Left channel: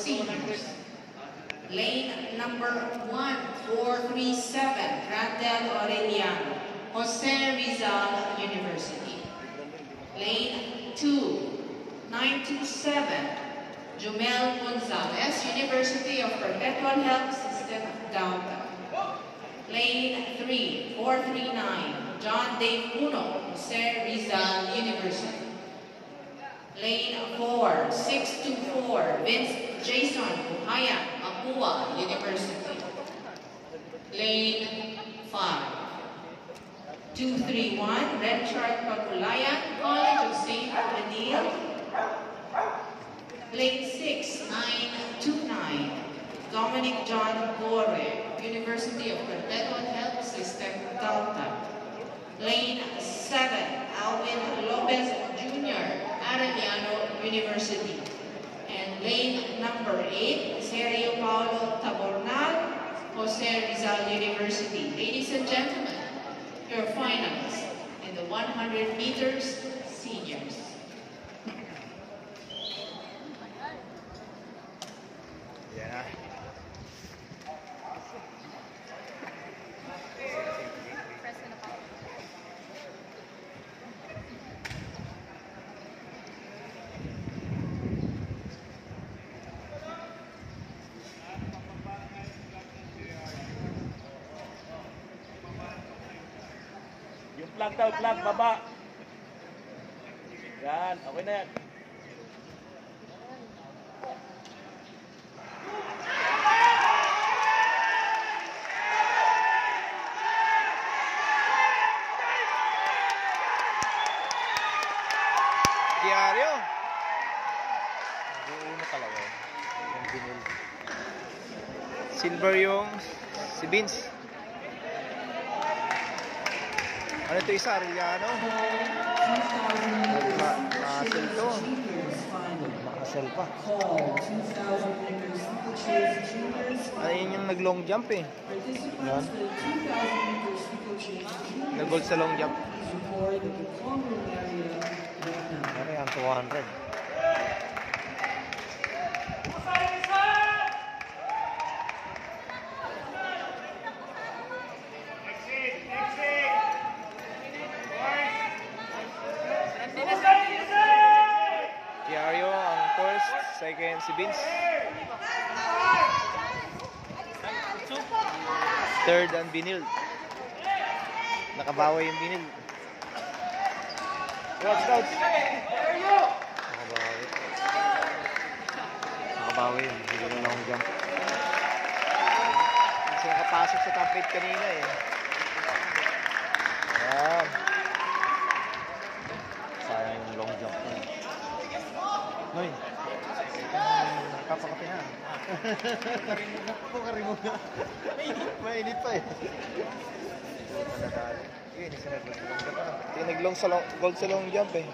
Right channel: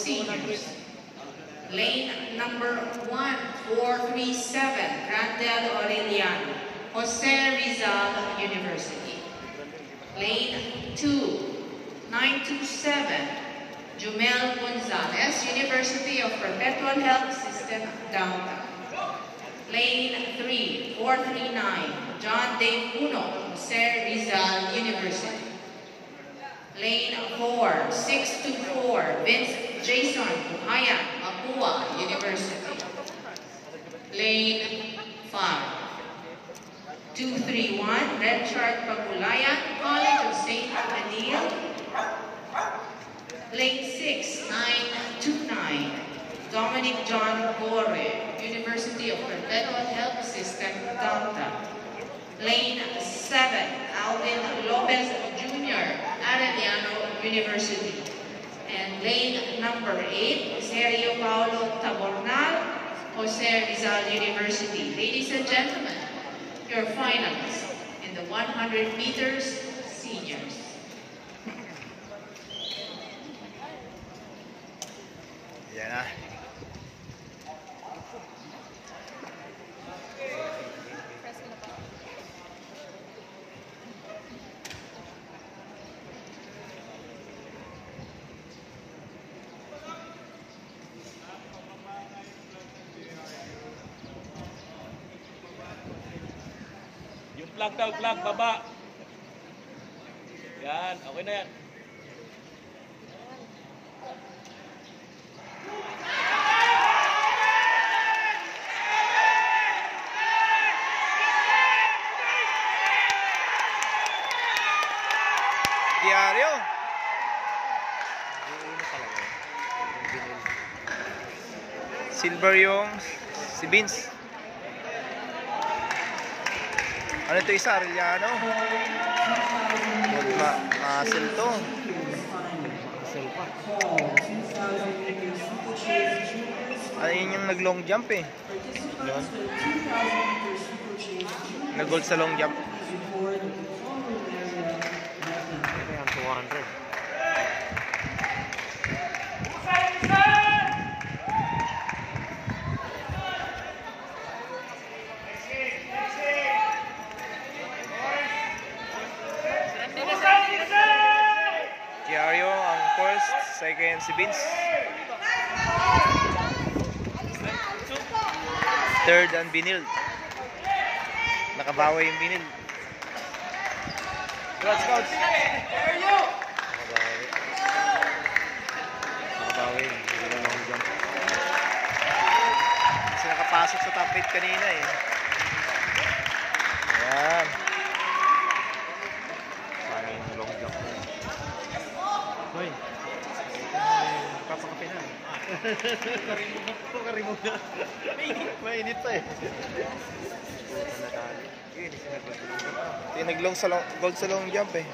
seniors. Lane number 1437, Randall Aureliano, Jose Rizal University. Lane 2927, Jumel Gonzalez, University of Perpetual Health System, Downtown. Lane 3439, John Dave Puno, Jose Rizal University. Lane 4624, Vince Jason Buhayan, Mapua University. Lane 5231, Richard Pagulayan, College of St. Adil. Lane 6929, Dominic John Gore, University of Perpetual Health System, Downtown. Lane 7, Alvin Lopez Jr., Arellano University. And lane number 8, Sergio Paulo Tabornal, Jose Rizal University. Ladies and gentlemen, your finalists in the 100 meters seniors. Yan na. Yung plug daw, plug, baba. Yan, okay na yan. Diaryo. Silver yung si Vince. Ano ito isa? Arellano? Muscle to. Muscle pa. Ano yun yung nag-long jump eh? Yun. Nag-gold sa long jump. Ayan, 200. Diario ang first, second si Vince. Third ang Binil. Nakabawi yung Binil. Scouts. Nakabawi. Nakabawi yung Binil. Kasi nakapasok sa top 8 kanina eh. Ayan. Sayang yung long jump. Hoy. Kapag na. Karimog na. Mainit pa eh. Ito yung nag-long sa long, gold sa long jump eh.